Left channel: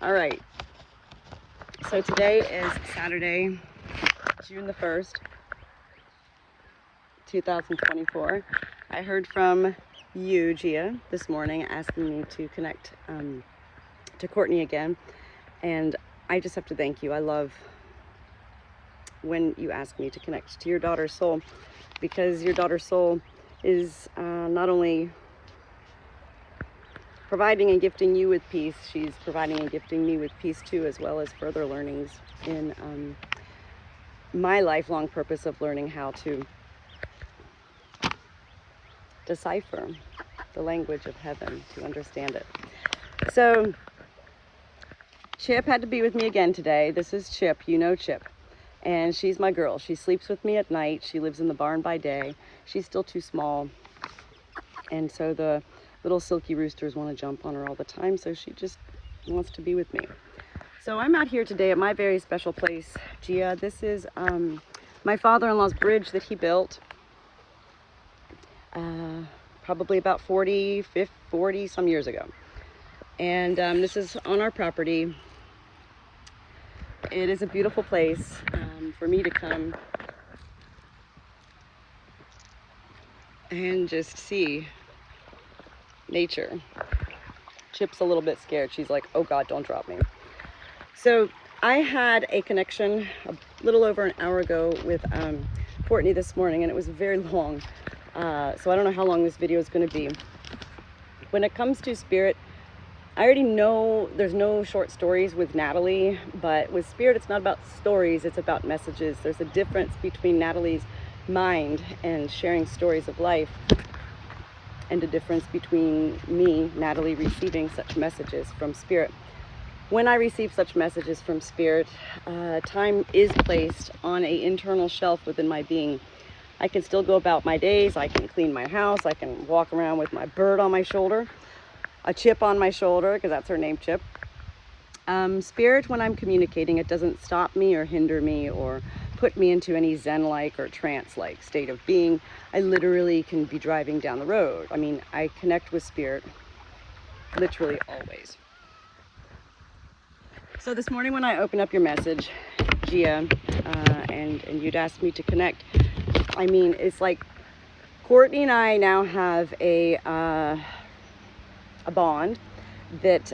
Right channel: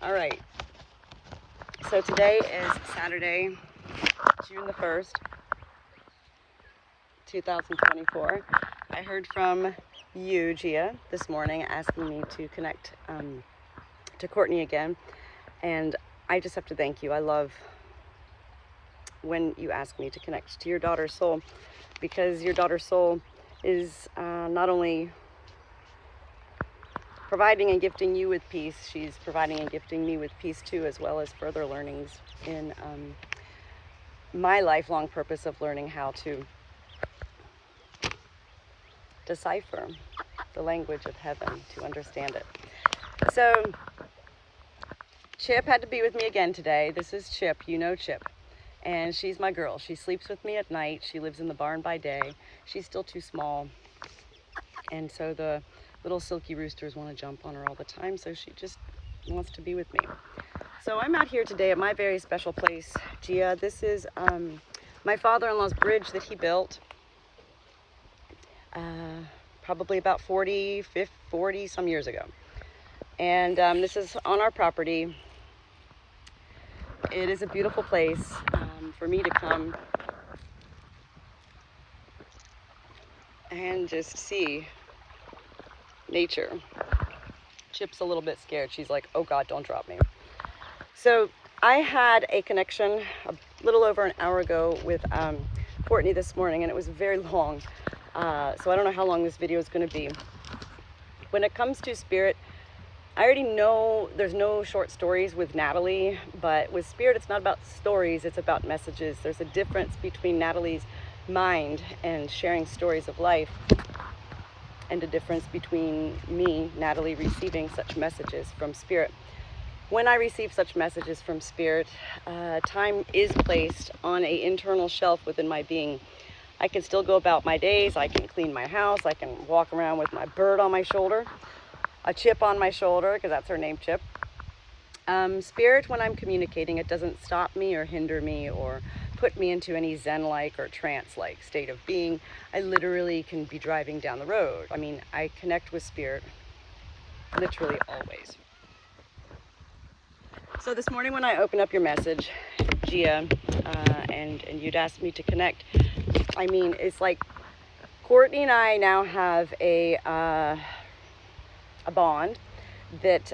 All right, so today is Saturday, June the 1st, 2024. I heard from you, Gia, this morning asking me to connect to Courtney again, and I just have to thank you. I love when you ask me to connect to your daughter's soul, because your daughter's soul is not only providing and gifting you with peace, she's providing and gifting me with peace too, as well as further learnings in my lifelong purpose of learning how to decipher the language of heaven, to understand it. So Chip had to be with me again today. This is Chip, you know Chip, and she's my girl. She sleeps with me at night. She lives in the barn by day. She's still too small, and so the little silky roosters want to jump on her all the time, so she just wants to be with me. So I'm out here today at my very special place, Gia. This is my father-in-law's bridge that he built probably about 40 some years ago. And this is on our property. It is a beautiful place for me to come and just see nature. Chip's a little bit scared. She's like, oh God, don't drop me. So I had a connection a little over an hour ago with Courtney this morning, and it was very long. So I don't know how long this video is going to be. When it comes to spirit, I already know there's no short stories with Natalie, but with spirit, it's not about stories, it's about messages. There's a difference between Natalie's mind and sharing stories of life, and a difference between me, Natalie, receiving such messages from spirit. When I receive such messages from spirit, time is placed on an internal shelf within my being. I can still go about my days, I can clean my house, I can walk around with my bird on my shoulder, a Chip on my shoulder, because that's her name, Chip. Spirit, when I'm communicating, it doesn't stop me or hinder me or put me into any Zen-like or trance-like state of being. I literally can be driving down the road. I mean, I connect with spirit literally always. So this morning when I opened up your message, Gia, and you'd asked me to connect, I mean, it's like Courtney and I now have a bond that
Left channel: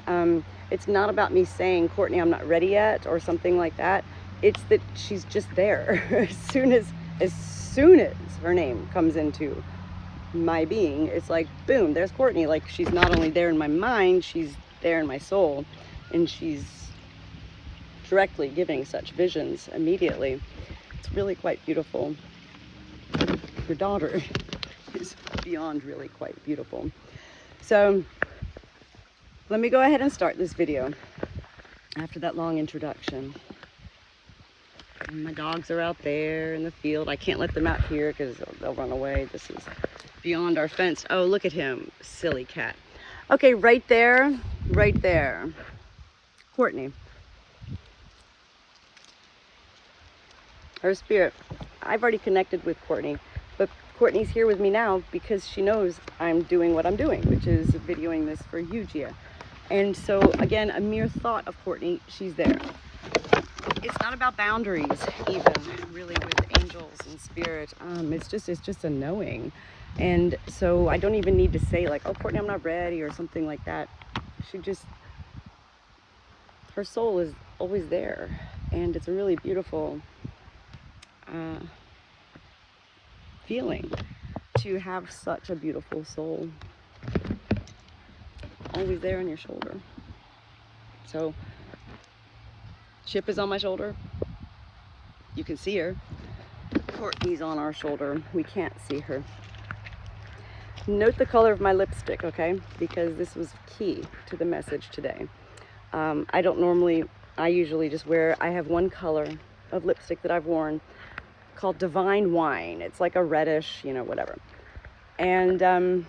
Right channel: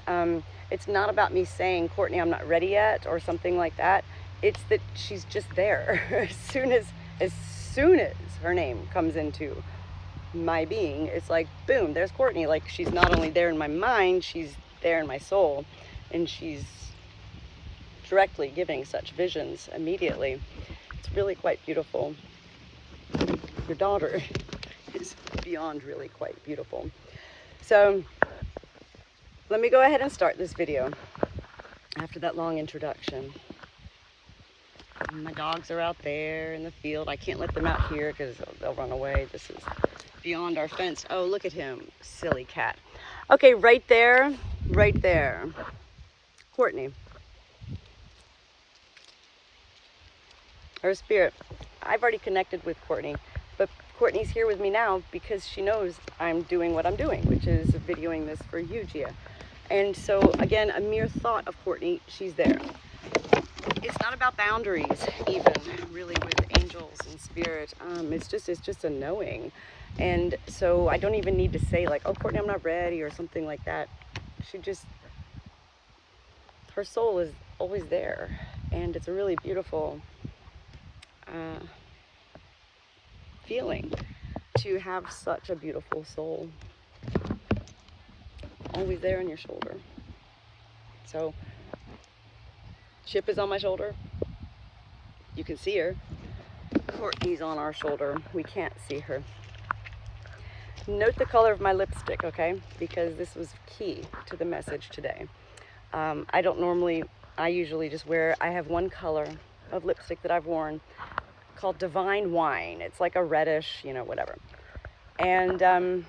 it's not about me saying, Courtney, I'm not ready yet, or something like that. It's that she's just there. as soon as her name comes into my being, it's like, boom, there's Courtney. Like, she's not only there in my mind, she's there in my soul, and she's directly giving such visions immediately. It's really quite beautiful. Your daughter is beyond really quite beautiful. So let me go ahead and start this video after that long introduction. My dogs are out there in the field. I can't let them out here because they'll run away. This is beyond our fence. Oh, look at him, silly cat. Okay, right there, Courtney. Her spirit. I've already connected with Courtney, but Courtney's here with me now because she knows I'm doing what I'm doing, which is videoing this for you, Gia. And so, again, a mere thought of Courtney, she's there. It's not about boundaries, even, really, with angels and spirit. It's just a knowing. And so I don't even need to say, like, oh, Courtney, I'm not ready, or something like that. Her soul is always there. And it's a really beautiful feeling to have such a beautiful soul always there on your shoulder. So Chip is on my shoulder. You can see her. Courtney's on our shoulder. We can't see her. Note the color of my lipstick, okay? Because this was key to the message today. I usually just I have one color of lipstick that I've worn called Divine Wine. It's like a reddish, whatever. And,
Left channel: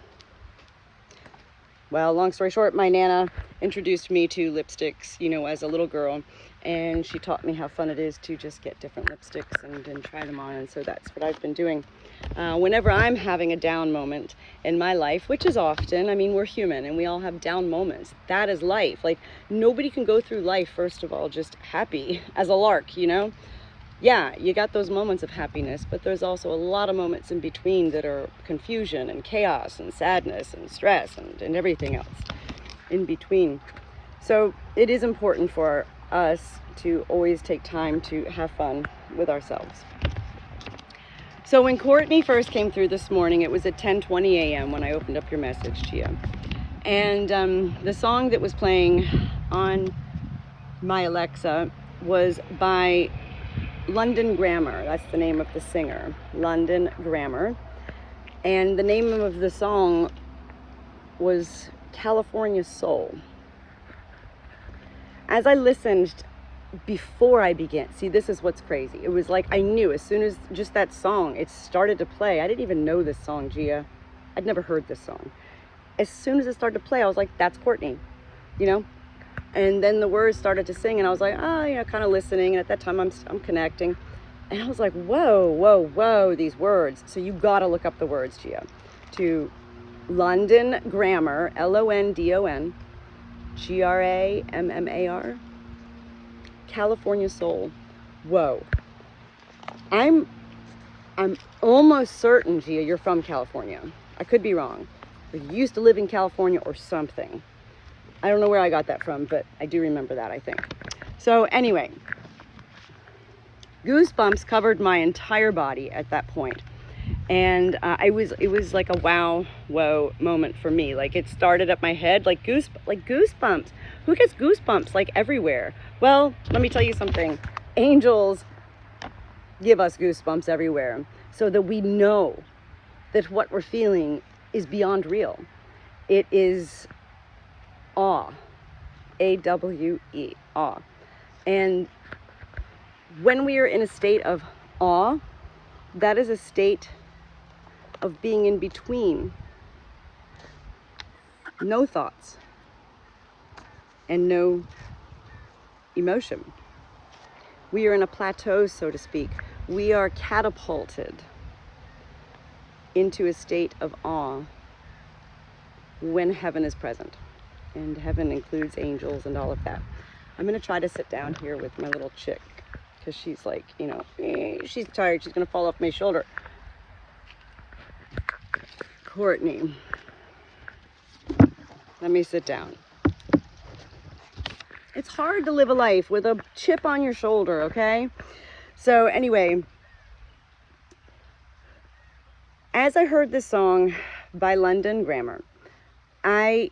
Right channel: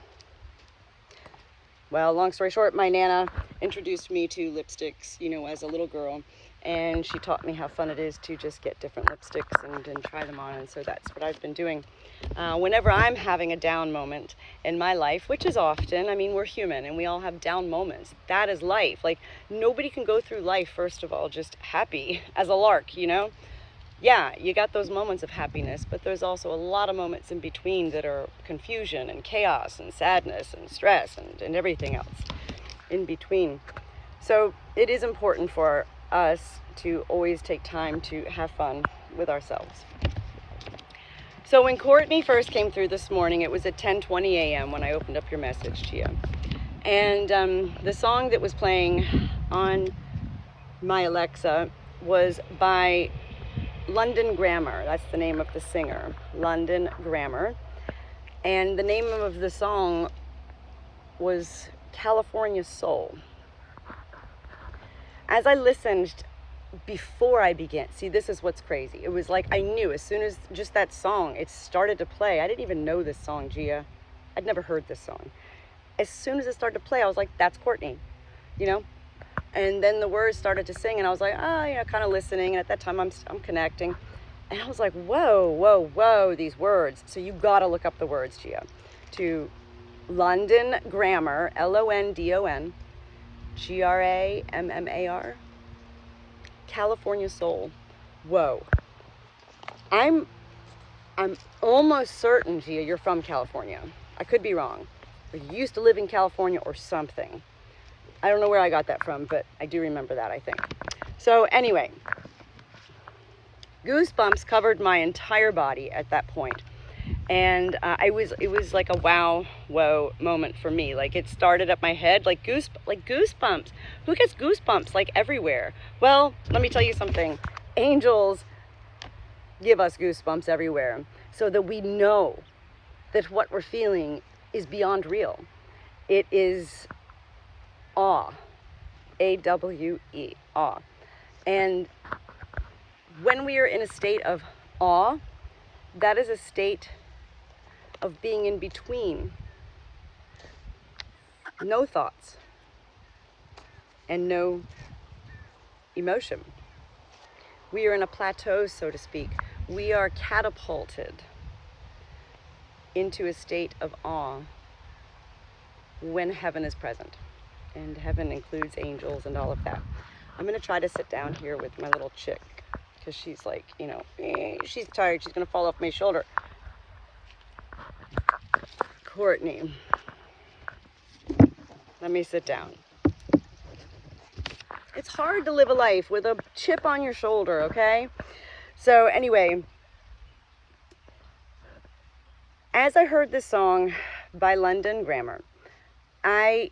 well, long story short, my Nana introduced me to lipsticks, you know, as a little girl. And she taught me how fun it is to just get different lipsticks and try them on. And so that's what I've been doing. Whenever I'm having a down moment in my life, which is often, I mean, we're human and we all have down moments. That is life. Like, nobody can go through life, first of all, just happy as a lark, you know? Yeah, you got those moments of happiness, but there's also a lot of moments in between that are confusion and chaos and sadness and stress and everything else in between. So it is important for us to always take time to have fun with ourselves. So when Courtney first came through this morning, it was at 10:20 a.m. when I opened up your message, Gia. And the song that was playing on my Alexa was by London Grammar. That's the name of the singer, London Grammar. And the name of the song was California Soul. As I listened before I began, see, this is what's crazy. It was like I knew as soon as just that song, it started to play. I didn't even know this song, Gia. I'd never heard this song. As soon as it started to play, I was like, that's Courtney, you know? And then the words started to sing, and I was like, you know, kind of listening. And at that time, I'm connecting. And I was like, whoa, whoa, whoa, these words. So you got to look up the words, Gia, to London Grammar, London, Grammar, California Soul. Whoa. I'm almost certain, Gia, you're from California. I could be wrong. Or you used to live in California or something. I don't know where I got that from, but I do remember that, I think. So anyway, goosebumps covered my entire body at that point. And it was like a wow, whoa moment for me. Like, it started up my head, like goosebumps. Who gets goosebumps like everywhere? Well, let me tell you something. Angels give us goosebumps everywhere so that we know that what we're feeling is beyond real. It is awe, A-W-E, awe. And when we are in a state of awe, that is a state of being in between. No thoughts and no emotion. We are in a plateau, so to speak. We are catapulted into a state of awe when heaven is present. And heaven includes angels and all of that. I'm going to try to sit down here with my little chick because she's like, you know, she's tired. She's going to fall off my shoulder. Courtney, let me sit down. It's hard to live a life with a chip on your shoulder, okay? So anyway, as I heard this song by London Grammar, I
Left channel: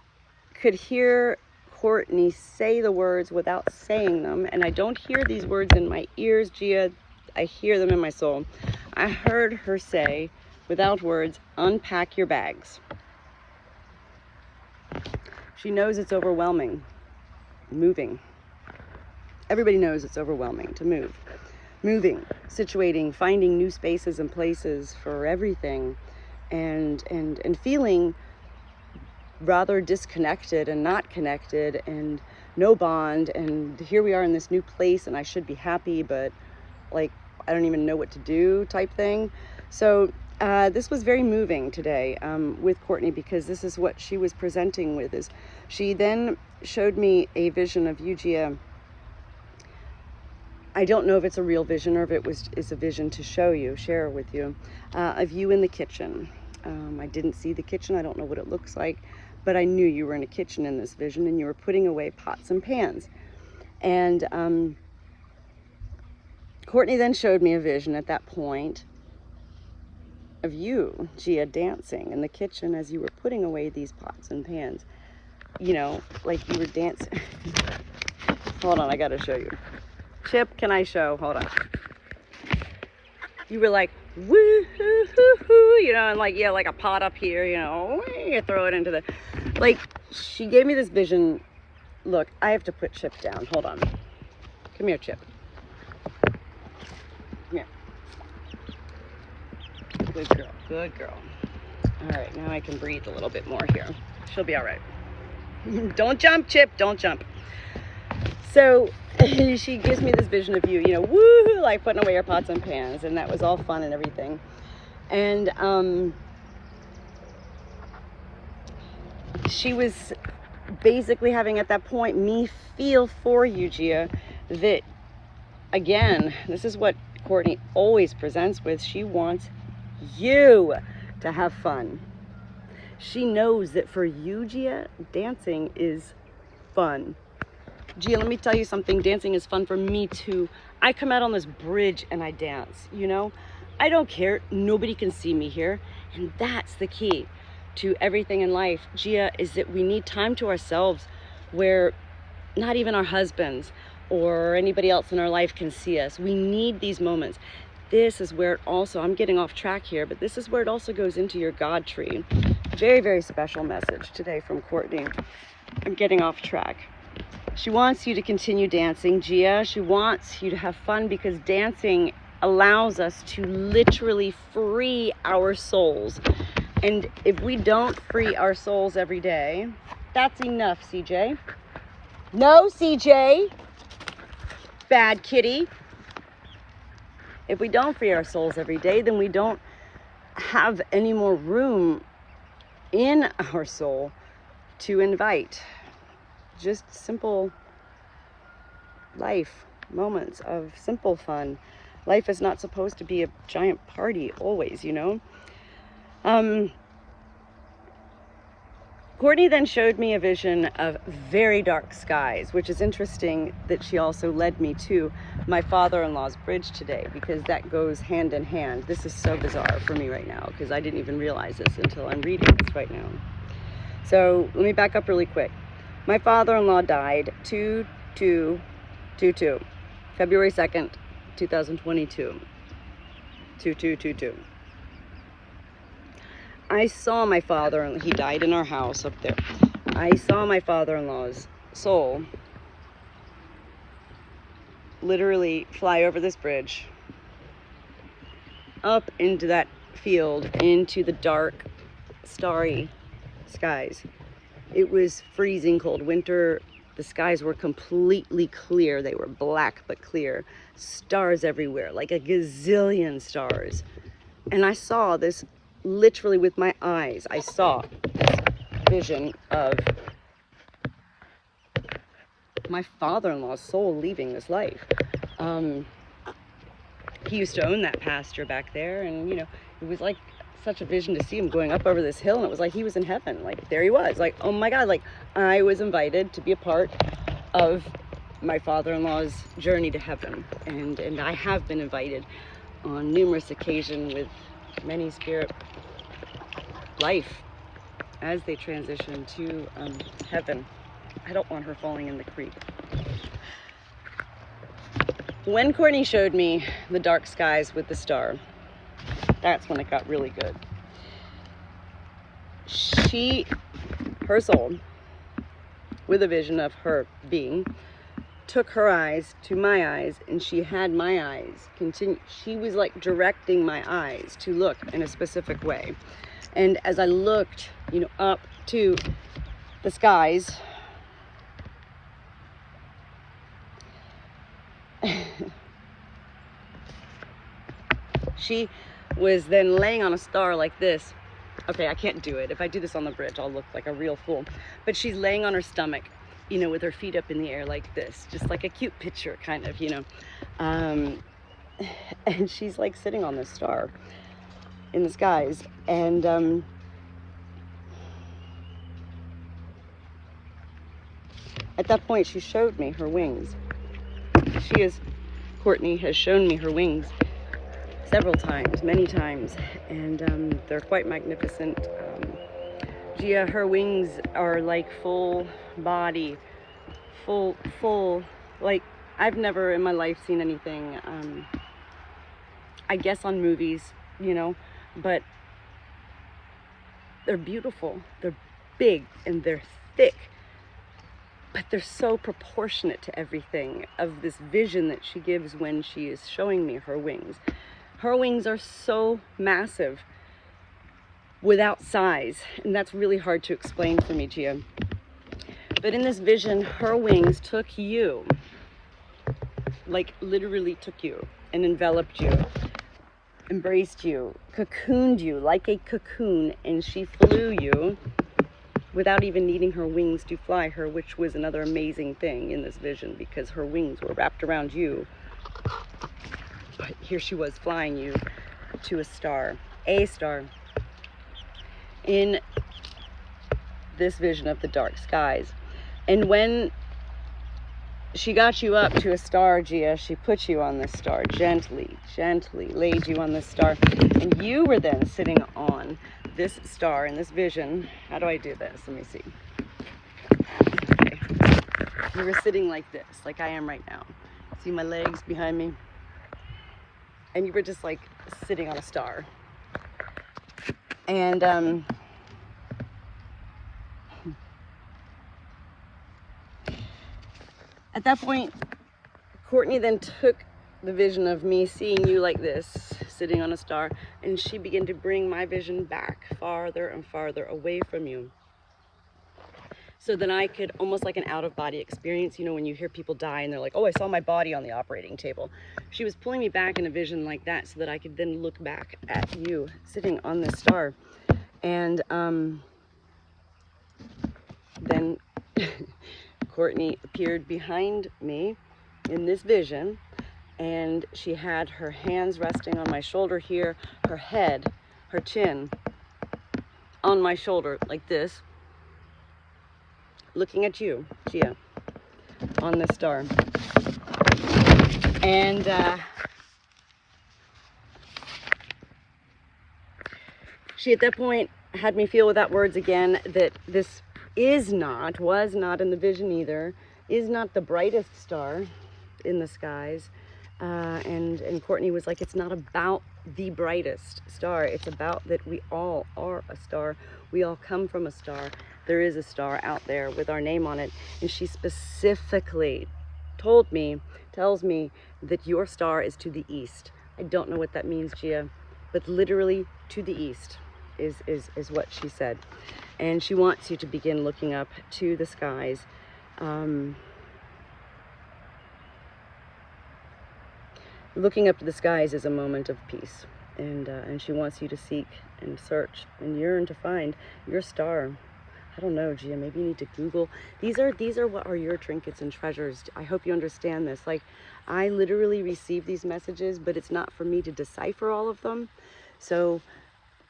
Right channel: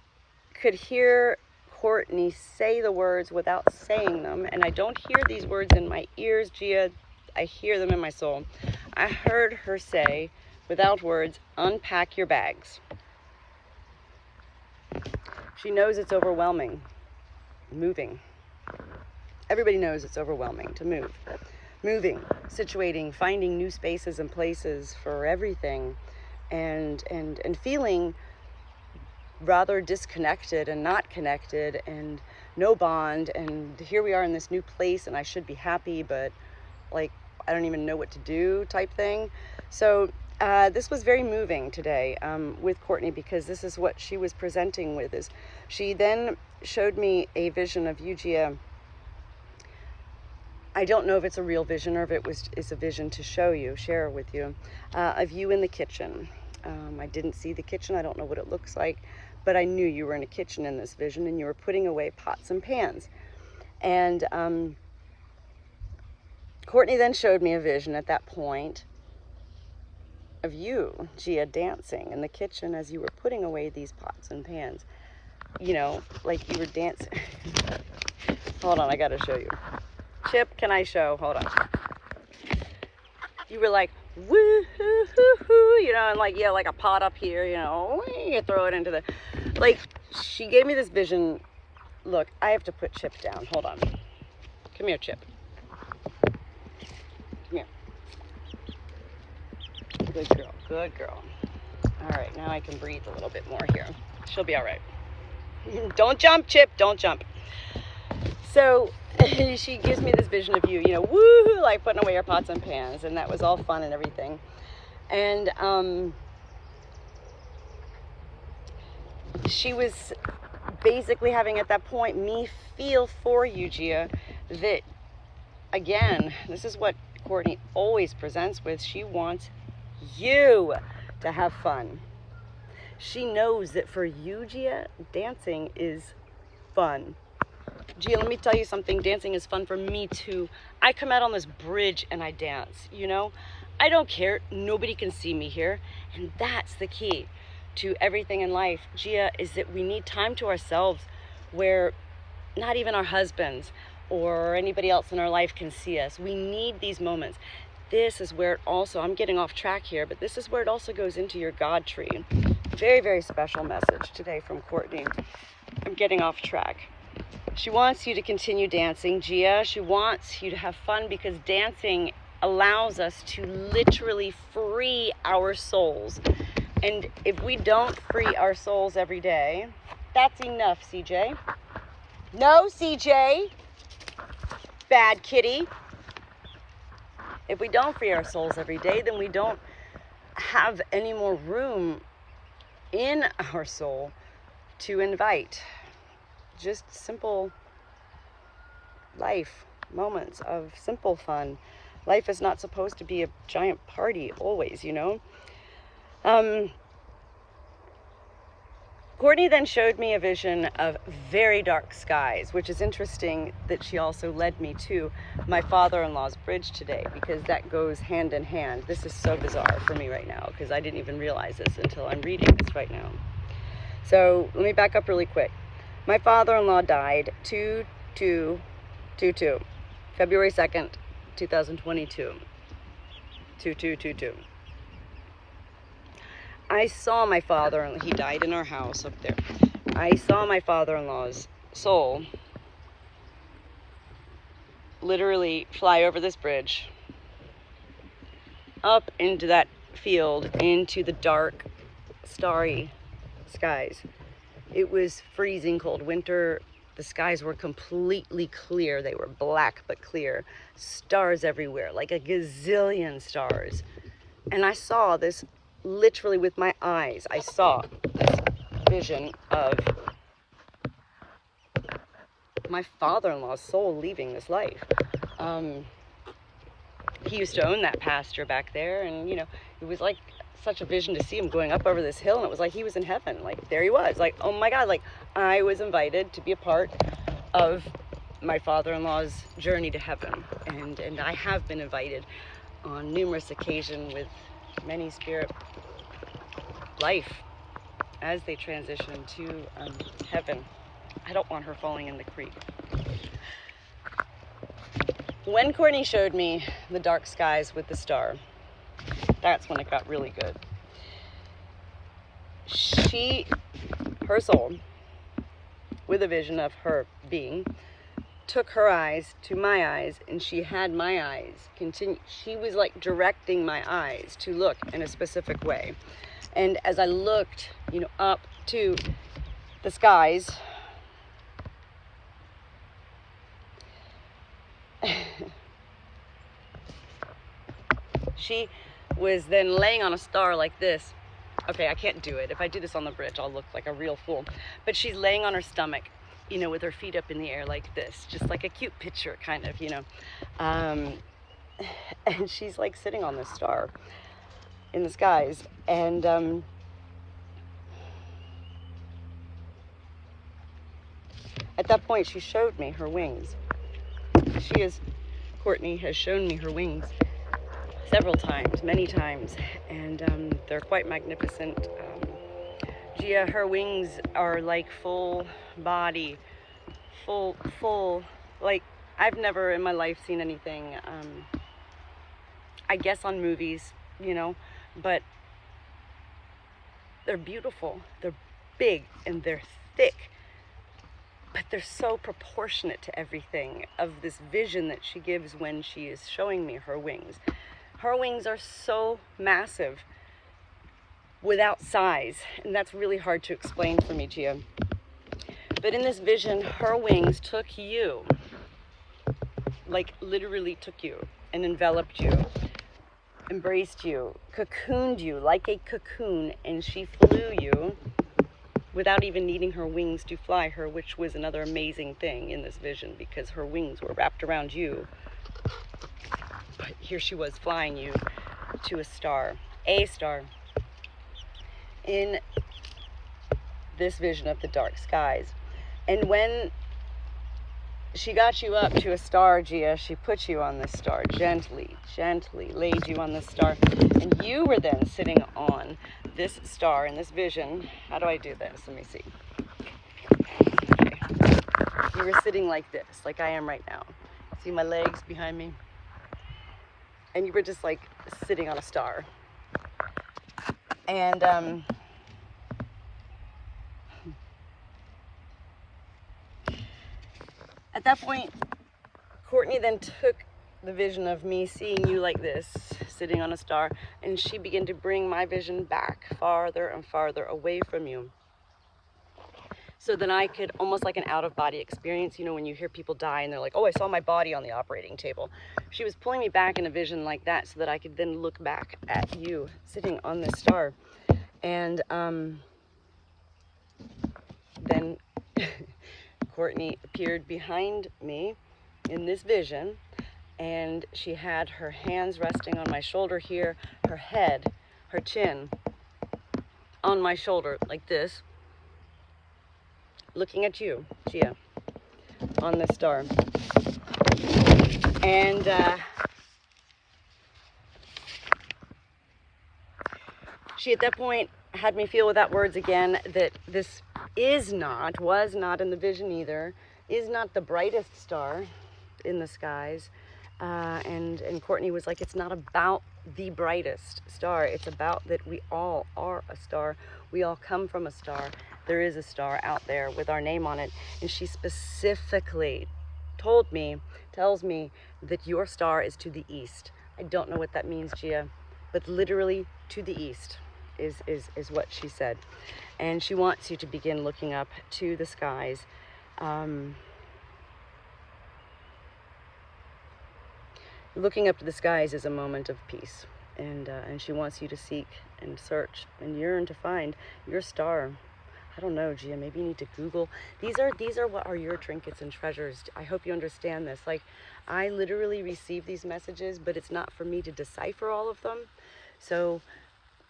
could hear Courtney say the words without saying them, and I don't hear these words in my ears, Gia. I hear them in my soul. I heard her say, without words, unpack your bags. She knows it's overwhelming. Moving. Everybody knows it's overwhelming to move. Moving, situating, finding new spaces and places for everything, and feeling rather disconnected and not connected and no bond, and here we are in this new place and I should be happy, but like I don't even know what to do type thing. So this was very moving today with Courtney, because this is what she was presenting with. Is she then showed me a vision of you, Gia. I don't know if it's a real vision or if it is a vision to share with you, of you in the kitchen. I didn't see the kitchen. I don't know what it looks like, but I knew you were in a kitchen in this vision, and you were putting away pots and pans. And Courtney then showed me a vision at that point of you, Gia, dancing in the kitchen as you were putting away these pots and pans. You know, like you were dancing. Hold on, I gotta show you. Chip, can I show? Hold on. You were like, woo hoo hoo hoo, you know, and like, yeah, like a pot up here, you know, you throw it into the, like, she gave me this vision. Look, I have to put Chip down. Hold on. Come here, Chip. Come here. Good girl, good girl. All right, now I can breathe a little bit more here. She'll be all right. Don't jump, Chip, don't jump. So she gives me this vision of you, you know, woo, like putting away your pots and pans, and that was all fun and everything. And she was basically having at that point me feel for you, Gia, that again, this is what Courtney always presents with. She wants you to have fun. She knows that for you, Gia, dancing is fun. Gia, let me tell you something. Dancing is fun for me too. I come out on this bridge and I dance, you know? I don't care. Nobody can see me here. And that's the key to everything in life, Gia, is that we need time to ourselves where not even our husbands or anybody else in our life can see us. We need these moments. This is where it also, I'm getting off track here, but this is where it also goes into your God tree. Very, very special message today from Courtney. I'm getting off track. She wants you to continue dancing, Gia. She wants you to have fun because dancing allows us to literally free our souls. And if we don't free our souls every day, that's enough, CJ. No, CJ. Bad kitty. If we don't free our souls every day, then we don't have any more room in our soul to invite just simple life moments of simple fun. Life is not supposed to be a giant party always, you know. Courtney then showed me a vision of very dark skies, which is interesting that she also led me to my father-in-law's bridge today, because that goes hand in hand. This is so bizarre for me right now because I didn't even realize this until I'm reading this right now. So let me back up really quick. My father-in-law died February 2nd, 2022. 2222. I saw my father, he died in our house up there. I saw my father-in-law's soul literally fly over this bridge, up into that field, into the dark, starry skies. It was freezing cold winter. The skies were completely clear. They were black but clear. Stars everywhere, like a gazillion stars. And I saw this literally with my eyes. I saw this vision of my father-in-law's soul leaving this life. He used to own that pasture back there, and you know, it was like such a vision to see him going up over this hill, and it was like he was in heaven. Like there he was, like, oh my God, like I was invited to be a part of my father-in-law's journey to heaven, and I have been invited on numerous occasions with many spirit life as they transition to heaven. I don't want her falling in the creek. When Courtney showed me the dark skies with the star, that's when it got really good. Her soul, with a vision of her being, took her eyes to my eyes, and she had my eyes continue. She was like directing my eyes to look in a specific way. And as I looked, you know, up to the skies, she was then laying on a star like this. Okay, I can't do it. If I do this on the bridge, I'll look like a real fool. But she's laying on her stomach, you know, with her feet up in the air like this, just like a cute picture, kind of, you know. And she's like sitting on this star in the skies. And at that point, she showed me her wings. Courtney has shown me her wings several times, many times, and they're quite magnificent. Gia, her wings are like full body, full, like I've never in my life seen anything, I guess on movies, you know, but they're beautiful, they're big, and they're thick, but they're so proportionate to everything of this vision that she gives when she is showing me her wings. Her wings are so massive without size, and that's really hard to explain for me, Gia. But in this vision, her wings took you, like literally took you and enveloped you, embraced you, cocooned you like a cocoon, and she flew you without even needing her wings to fly her, which was another amazing thing in this vision, because her wings were wrapped around you. But here she was flying you to a star in this vision of the dark skies. And when she got you up to a star, Gia, she put you on this star, gently laid you on this star, and you were then sitting on this star in this vision. How do I do this? Let me see. Okay. You were sitting like this, like I am right now. See my legs behind me? And you were just like sitting on a star. And at that point, Courtney then took the vision of me seeing you like this, sitting on a star, and she began to bring my vision back farther and farther away from you. So then I could, almost like an out-of-body experience, you know, when you hear people die and they're like, oh, I saw my body on the operating table. She was pulling me back in a vision like that so that I could then look back at you sitting on this star. And then Courtney appeared behind me in this vision, and she had her hands resting on my shoulder here, her head, her chin on my shoulder like this, looking at you, Gia, on the star. And she at that point had me feel without words again that this was not in the vision either, is not the brightest star in the skies. And Courtney was like, it's not about the brightest star. It's about that we all are a star. We all come from a star. There is a star out there with our name on it. And she specifically tells me that your star is to the east. I don't know what that means, Gia, but literally to the east is what she said. And she wants you to begin looking up to the skies. Looking up to the skies is a moment of peace, and she wants you to seek and search and yearn to find your star. I don't know, Gia, maybe you need to Google. These are what are your trinkets and treasures. I hope you understand this. Like, I literally receive these messages, but it's not for me to decipher all of them. So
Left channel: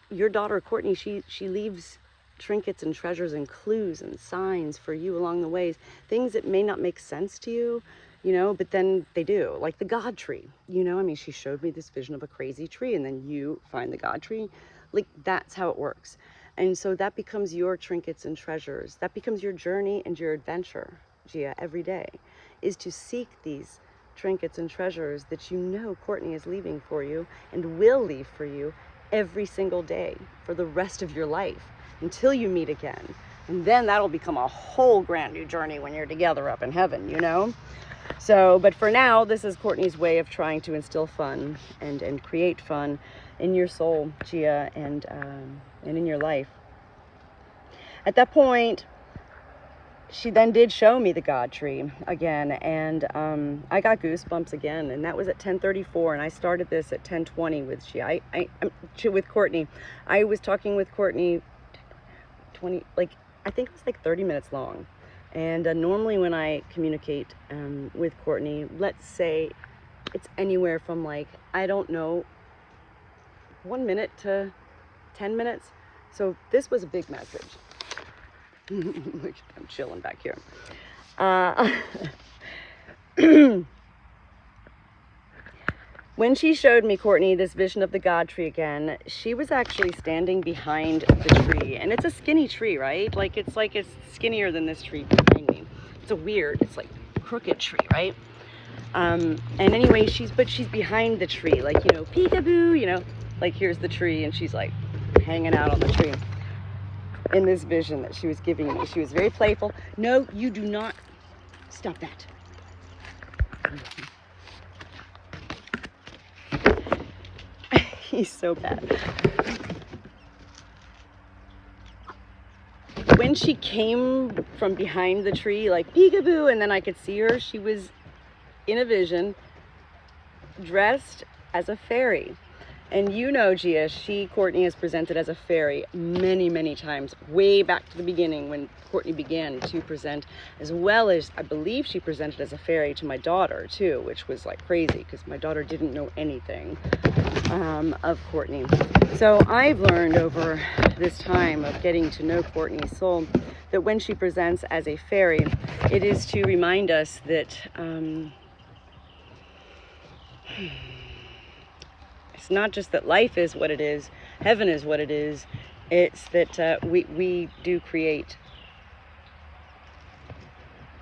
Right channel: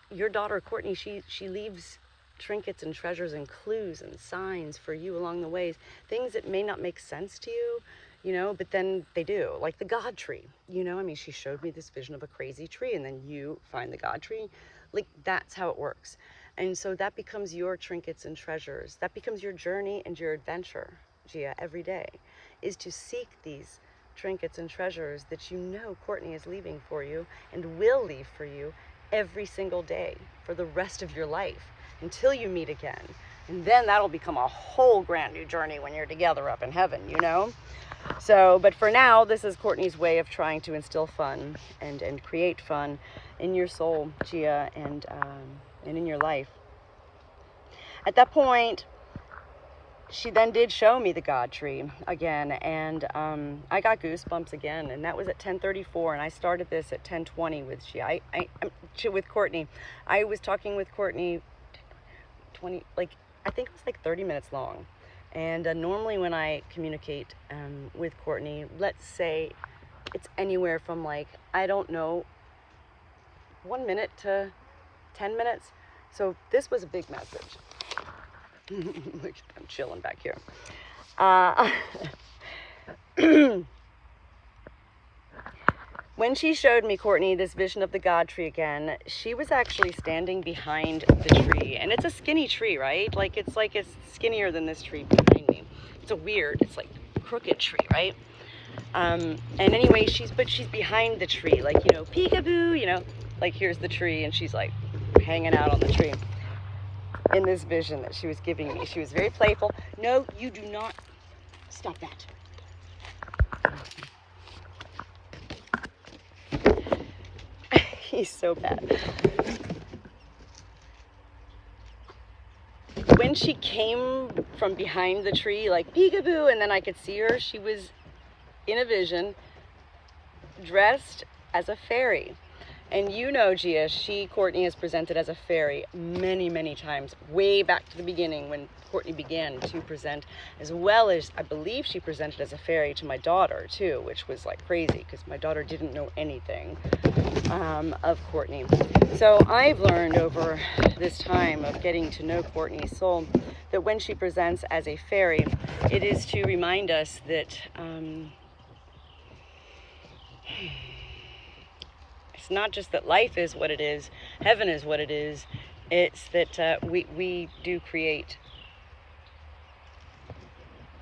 your daughter, Courtney, she leaves trinkets and treasures and clues and signs for you along the ways, things that may not make sense to you, you know, but then they do, like the God tree, you know. I mean, she showed me this vision of a crazy tree, and then you find the God tree. Like, that's how it works. And so that becomes your trinkets and treasures. That becomes your journey and your adventure, Gia, every day, is to seek these trinkets and treasures that you know Courtney is leaving for you and will leave for you every single day for the rest of your life until you meet again. And then that'll become a whole grand new journey when you're together up in heaven, you know? So, but for now, this is Courtney's way of trying to instill fun and create fun in your soul, Gia, and in your life. At that point, she then did show me the God tree again, and I got goosebumps again, and that was at 10:34, and I started this at 10:20 with with Courtney. I was talking with Courtney 20, like, I think it was like 30 minutes long. And normally when I communicate with Courtney, let's say it's anywhere from, like, I don't know, 1 minute to 10 minutes. So this was a big message. Look, I'm chilling back here. When she showed me, Courtney, this vision of the God tree again, she was actually standing behind the tree. And it's a skinny tree, right? Like it's skinnier than this tree behind me. It's it's like crooked tree, right? And anyway, she's behind the tree, like, you know, peekaboo, you know, like here's the tree, and she's like hanging out on the tree. In this vision that she was giving me, she was very playful. No, you do not stop that. He's so bad. when she came from behind the tree, like peekaboo, and then I could see her, she was in a vision dressed as a fairy. And you know, Gia, Courtney is presented as a fairy many, many times, way back to the beginning when Courtney began to present, as well as I believe she presented as a fairy to my daughter too, which was like crazy because my daughter didn't know anything of Courtney. So I've learned over this time of getting to know Courtney's soul that when she presents as a fairy, it is to remind us that it's not just that life is what it is, heaven is what it is, it's that we do create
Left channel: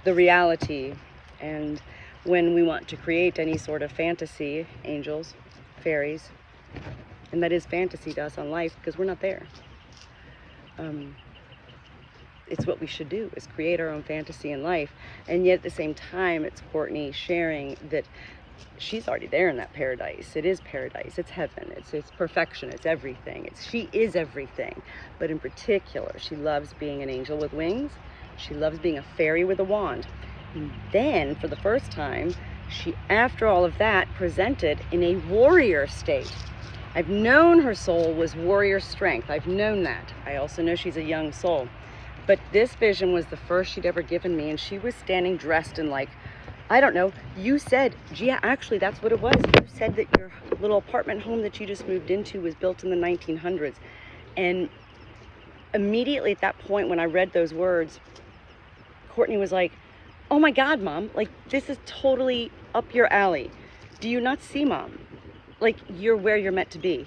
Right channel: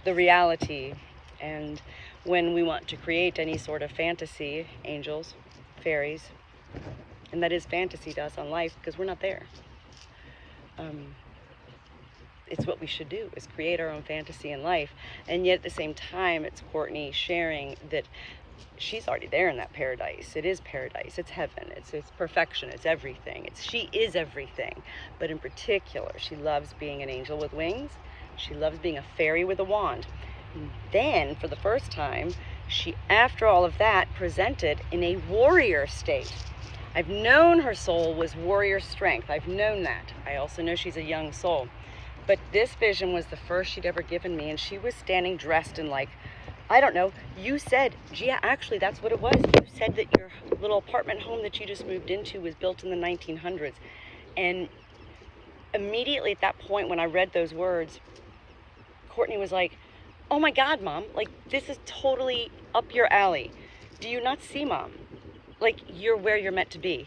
the reality. And when we want to create any sort of fantasy, angels, fairies, and that is fantasy to us on life because we're not there. It's what we should do, is create our own fantasy in life. And yet at the same time, it's Courtney sharing that she's already there in that paradise. It is paradise, it's heaven, it's perfection, it's everything. She is everything. But in particular, she loves being an angel with wings. She loves being a fairy with a wand. And then, for the first time, she, after all of that, presented in a warrior state. I've known her soul was warrior strength. I've known that. I also know she's a young soul. But this vision was the first she'd ever given me, and she was standing dressed in, like, I don't know, you said, Gia, actually that's what it was. You said that your little apartment home that you just moved into was built in the 1900s. And immediately at that point when I read those words, Courtney was like, oh my God, Mom, like this is totally up your alley. Do you not see, Mom? Like you're where you're meant to be.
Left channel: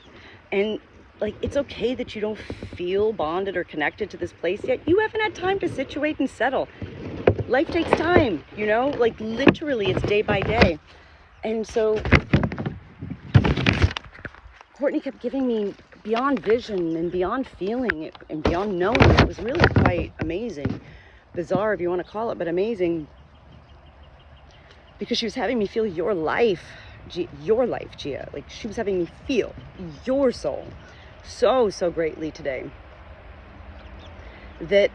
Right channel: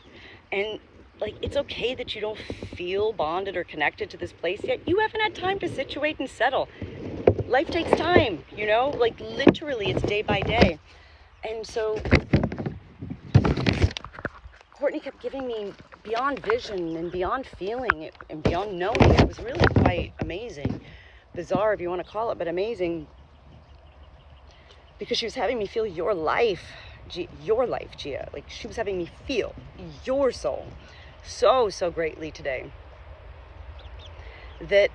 And like, it's okay that you don't feel bonded or connected to this place yet. You haven't had time to situate and settle. Life takes time, you know, like literally it's day by day. And so Courtney kept giving me beyond vision and beyond feeling it and beyond knowing. It was really quite amazing, bizarre if you want to call it, but amazing, because she was having me feel your life, Gia. Like she was having me feel your soul so greatly today, that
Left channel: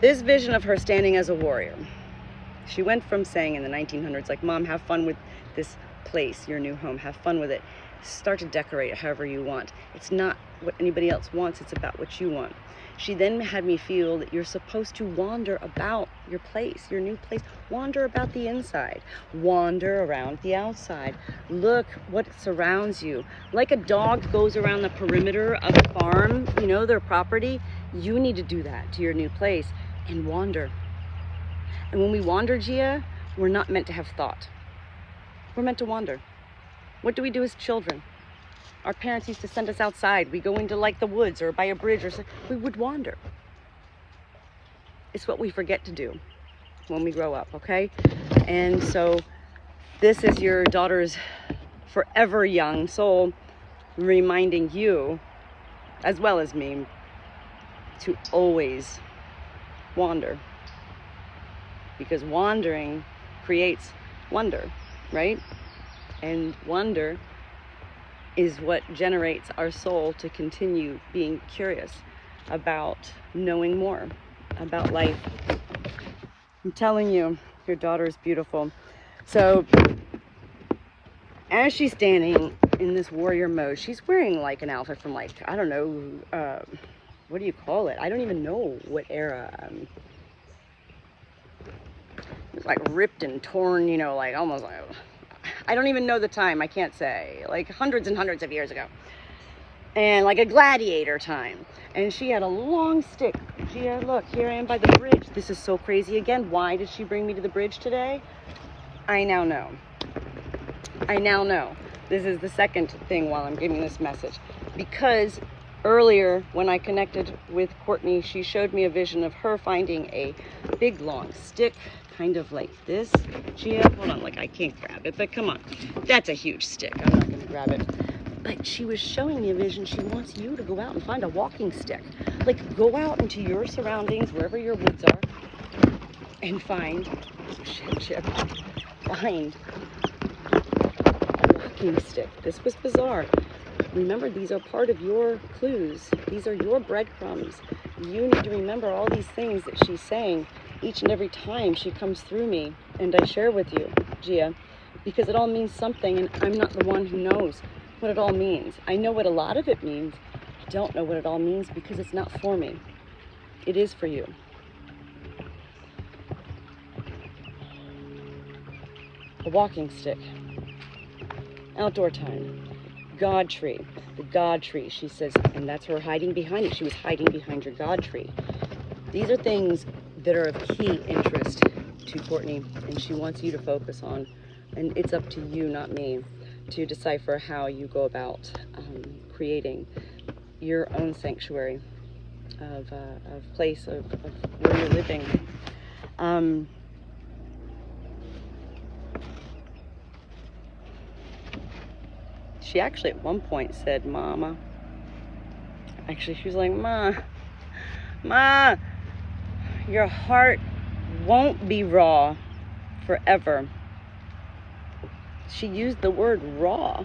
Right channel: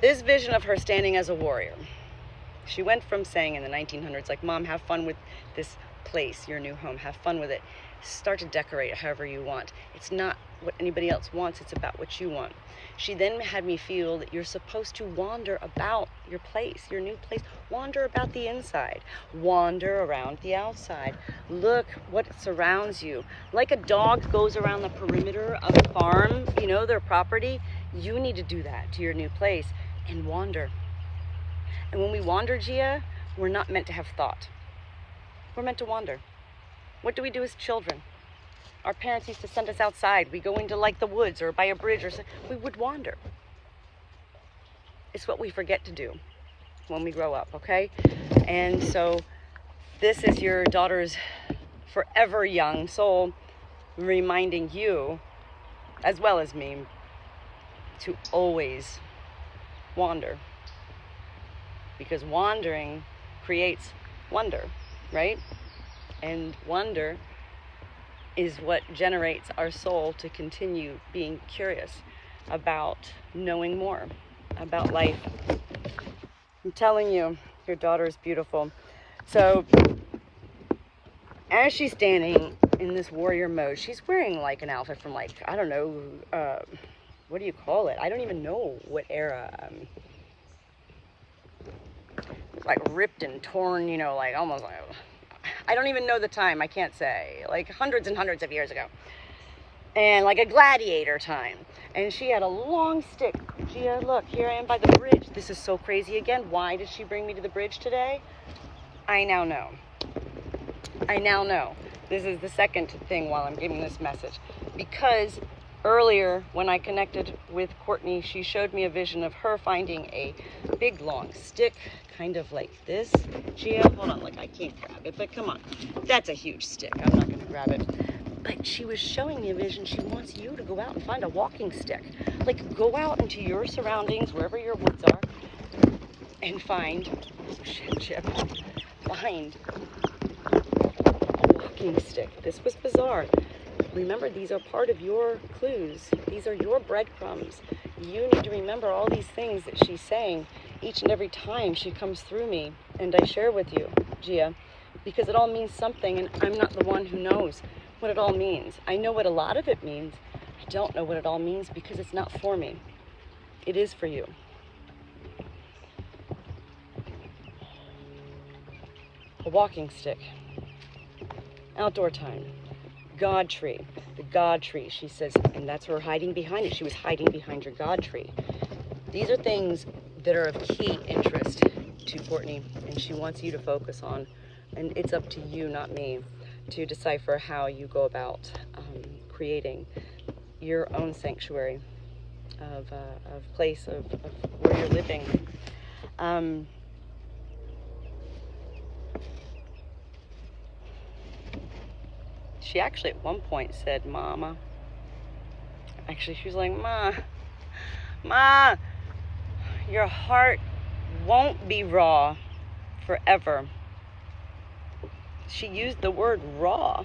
this vision of her standing as a warrior, she went from saying in the 1900s, like, Mom, have fun with this place, your new home, have fun with it, start to decorate it however you want. It's not what anybody else wants, it's about what you want. She then had me feel that you're supposed to wander about your place, your new place, wander about the inside, wander around the outside, look what surrounds you. Like a dog goes around the perimeter of a farm, you know, their property, you need to do that to your new place and wander. And when we wander, Gia, we're not meant to have thought. We're meant to wander. What do we do as children? Our parents used to send us outside. We go into like the woods or by a bridge or something. We would wander. It's what we forget to do when we grow up, okay? And so this is your daughter's forever young soul reminding you, as well as me, to always wander. Because wandering creates wonder, right? And wonder is what generates our soul to continue being curious about knowing more about life. I'm telling you, your daughter is beautiful. So as she's standing in this warrior mode, she's wearing like an outfit from like, I don't know, what do you call it? I don't even know what era. It was like ripped and torn, you know, like almost like, I don't even know the time, I can't say, like hundreds and hundreds of years ago. And like a gladiator time. And she had a long stick. Gia, look, here I am by the bridge. This is so crazy again. Why did she bring me to the bridge today? I now know. I now know. This is the second thing while I'm giving this message. Because earlier when I connected with Courtney, she showed me a vision of her finding a big long stick, kind of like this. Gia, hold on, like I can't grab it, but come on. That's a huge stick. I'm not gonna grab it. But she was showing me a vision. She wants you to go out and find a walking stick. Like go out into your surroundings, wherever your woods are, and find, Chip, find a walking stick. This was bizarre. remember, these are part of your clues. These are your breadcrumbs. You need to remember all these things that she's saying each and every time she comes through me and I share with you, Gia, because it all means something, and I'm not the one who knows what it all means. I know what a lot of it means. I don't know what it all means because it's not for me. It is for you. A walking stick. Outdoor time. God tree. The God tree, she says, and that's her hiding behind it. She was hiding behind your God tree. These are things that are of key interest to Courtney, and she wants you to focus on. And it's up to you, not me, to decipher how you go about creating your own sanctuary of place of where you're living. She actually at one point said, Mama. Actually, she was like, Ma, your heart won't be raw forever. She used the word raw.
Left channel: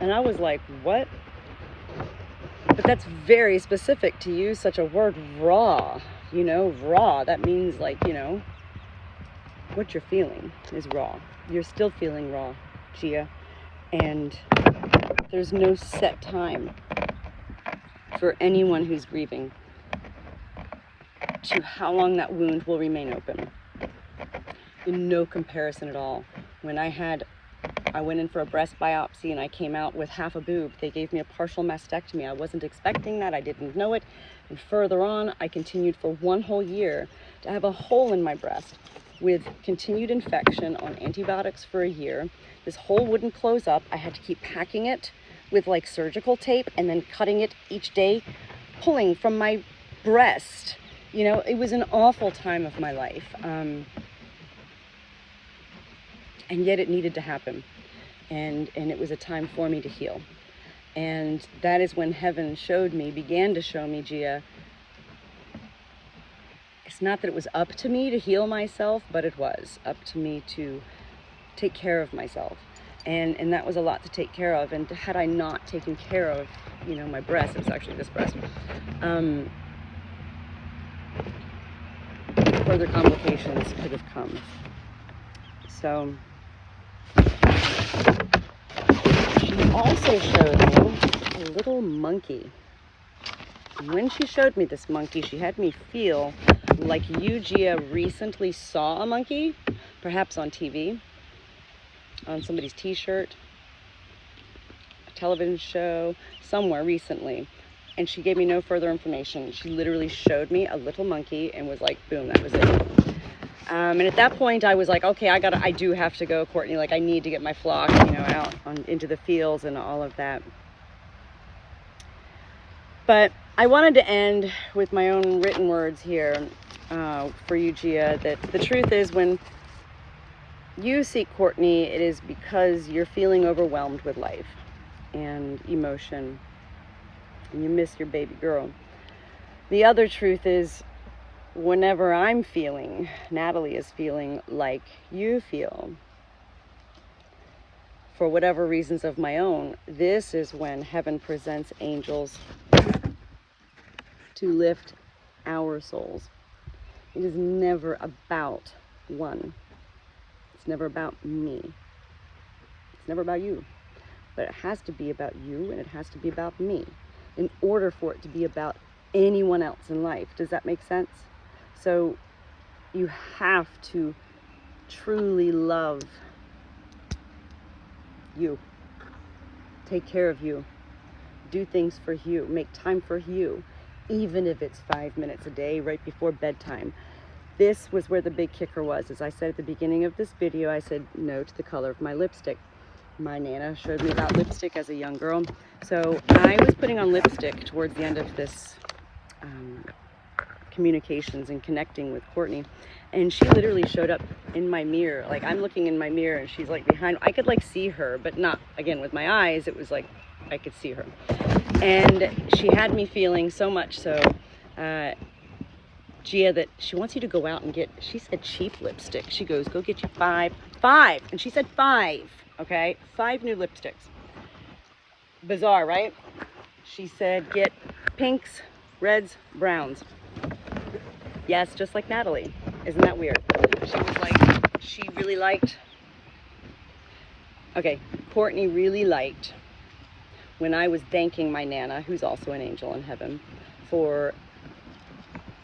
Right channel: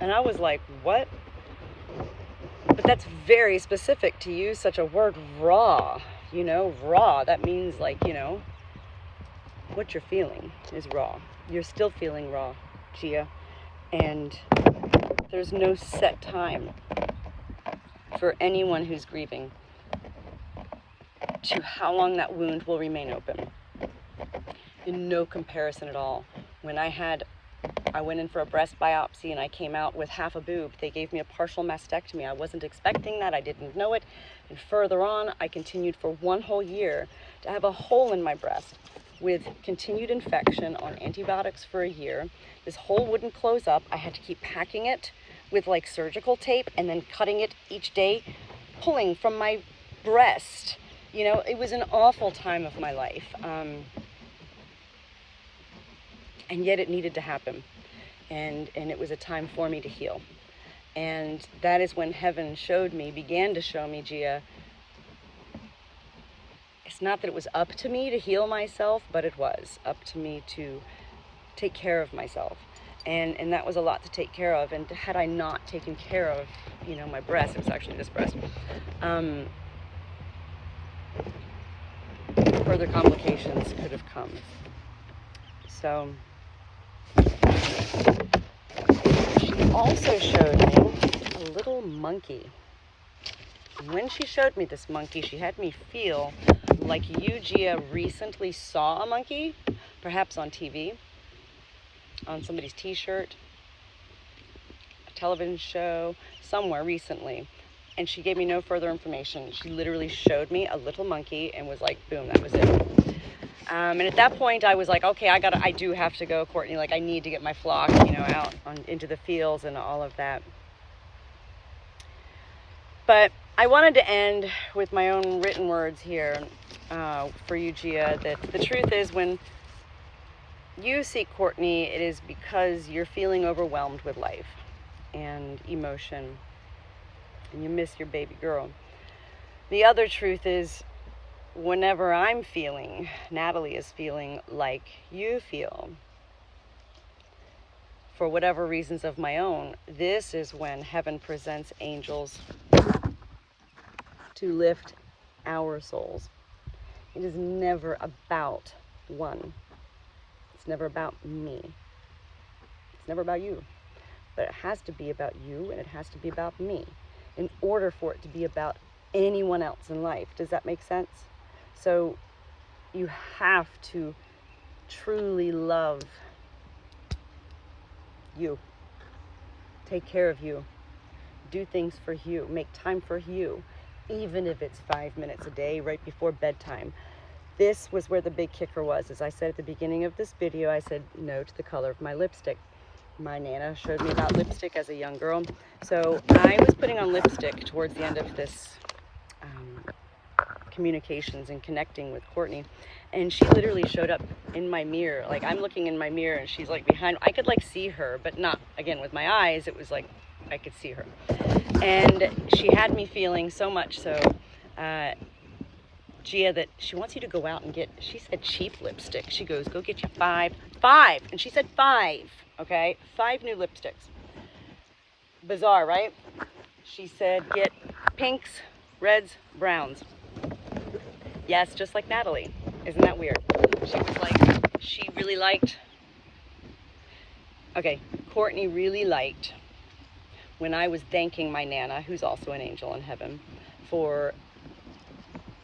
And I was like, what? But that's very specific to use such a word, raw. You know, raw. That means, like, you know, what you're feeling is raw. You're still feeling raw, Gia. And there's no set time for anyone who's grieving to how long that wound will remain open. In no comparison at all. When I went in for a breast biopsy and I came out with half a boob. They gave me a partial mastectomy. I wasn't expecting that. I didn't know it. And further on, I continued for 1 whole year to have a hole in my breast with continued infection on antibiotics for a year. This hole wouldn't close up. I had to keep packing it with like surgical tape and then cutting it each day, pulling from my breast. You know, it was an awful time of my life. And yet it needed to happen. And it was a time for me to heal. And that is when heaven began to show me, Gia, it's not that it was up to me to heal myself, but it was up to me to take care of myself. And that was a lot to take care of. And had I not taken care of, you know, my breast, it was actually this breast, further complications could have come. So she also showed me a little monkey. And when she showed me this monkey, she had me feel like you, Gia, recently saw a monkey, perhaps on TV, on somebody's t-shirt, a television show, somewhere recently. And she gave me no further information. She literally showed me a little monkey and was like, boom, that was it. And at that point, I was like, okay, I do have to go, Courtney. Like, I need to get my flock, you know, out into the fields and all of that. But I wanted to end with my own written words here for you, Gia, that the truth is when you seek Courtney, it is because you're feeling overwhelmed with life and emotion, and you miss your baby girl. The other truth is, whenever I'm feeling, Natalie is feeling like you feel, for whatever reasons of my own, this is when heaven presents angels to lift our souls. It is never about one. It's never about me. It's never about you. But it has to be about you, and it has to be about me in order for it to be about anyone else in life. Does that make sense? So you have to truly love you. Take care of you. Do things for you. Make time for you. Even if it's 5 minutes a day right before bedtime. This was where the big kicker was. As I said at the beginning of this video, I said no to the color of my lipstick. My Nana showed me about lipstick as a young girl. So I was putting on lipstick towards the end of this communications and connecting with Courtney, and she literally showed up in my mirror. Like, I'm looking in my mirror and she's like behind. I could like see her, but not, again, with my eyes. It was like I could see her, and she had me feeling so much so, Gia, that she wants you to go out and get, she said cheap lipstick. She goes, go get you five, and she said 5, okay, 5 new lipsticks. Bizarre, right? She said, get pinks, reds, browns. Yes, just like Natalie. Isn't that weird? She was like, she really liked, okay, Courtney really liked when I was thanking my Nana, who's also an angel in heaven, for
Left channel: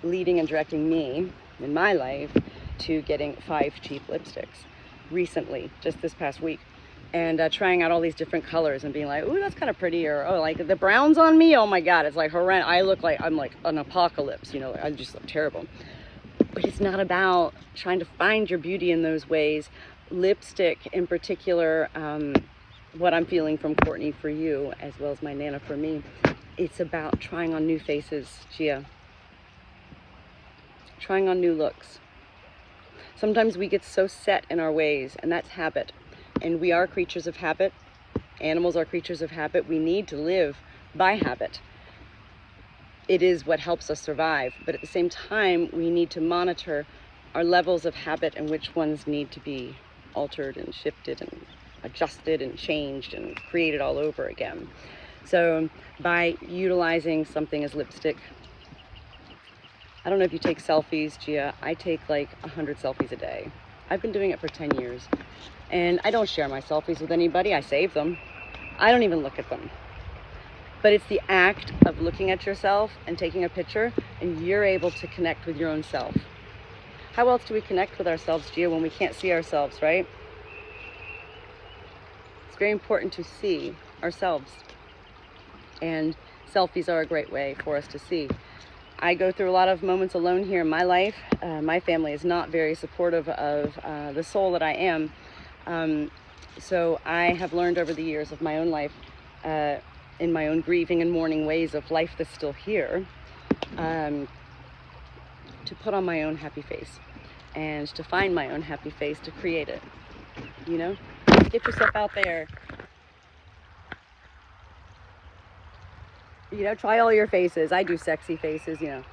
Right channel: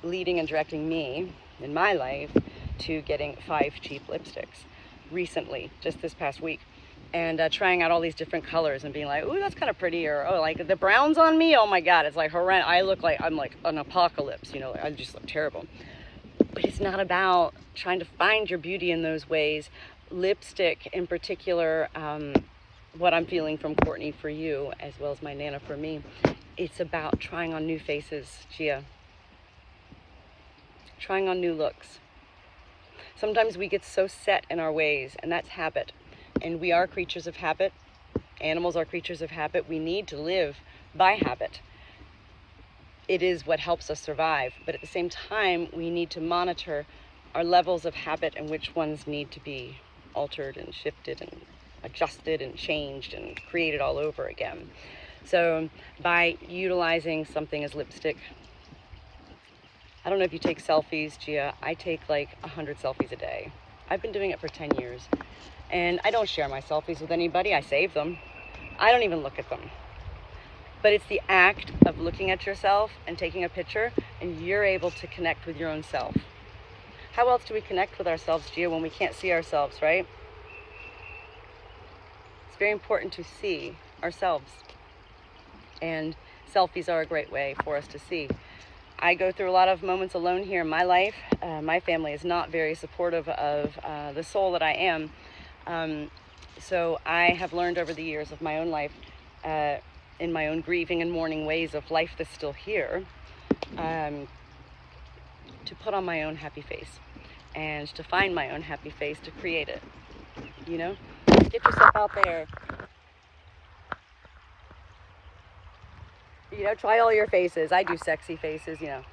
leading and directing me in my life to getting 5 cheap lipsticks recently, just this past week. And trying out all these different colors and being like, ooh, that's kind of pretty, or oh, like the browns on me, oh my god, it's like horrendous. I look like I'm like an apocalypse, you know, I just look terrible. But it's not about trying to find your beauty in those ways. Lipstick in particular, what I'm feeling from Courtney for you, as well as my Nana for me, it's about trying on new faces, Gia. Trying on new looks. Sometimes we get so set in our ways, and that's habit. And we are creatures of habit. Animals are creatures of habit. We need to live by habit. It is what helps us survive. But at the same time, we need to monitor our levels of habit and which ones need to be altered and shifted and adjusted and changed and created all over again. So by utilizing something as lipstick, I don't know if you take selfies, Gia. I take like 100 selfies a day. I've been doing it for 10 years. And I don't share my selfies with anybody. I save them. I don't even look at them. But it's the act of looking at yourself and taking a picture, and you're able to connect with your own self. How else do we connect with ourselves, Gia, when we can't see ourselves, right? It's very important to see ourselves. And selfies are a great way for us to see. I go through a lot of moments alone here in my life. My family is not very supportive of the soul that I am. So I have learned over the years of my own life, in my own grieving and mourning ways of life that's still here, to put on my own happy face and to find my own happy face, to create it, you know? Get yourself out there. You know, try all your faces. I do sexy faces, you know.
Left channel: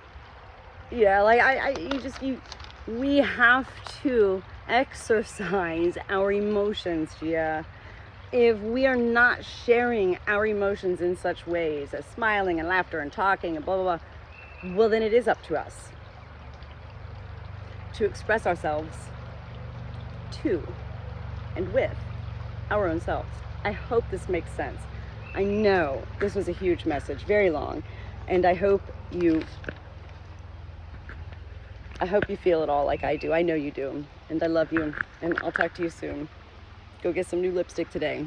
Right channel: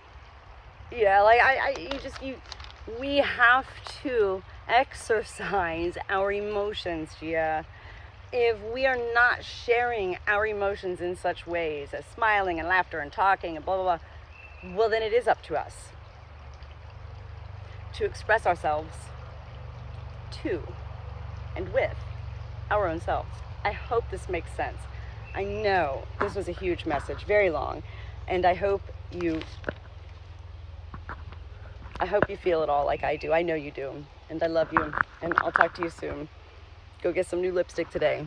Yeah, like we have to exercise our emotions, Gia. If we are not sharing our emotions in such ways as smiling and laughter and talking and blah, blah, blah, well, then it is up to us to express ourselves to and with our own selves. I hope this makes sense. I know this was a huge message, very long, and I hope you feel it all like I do. I know you do, and I love you, and I'll talk to you soon. Go get some new lipstick today.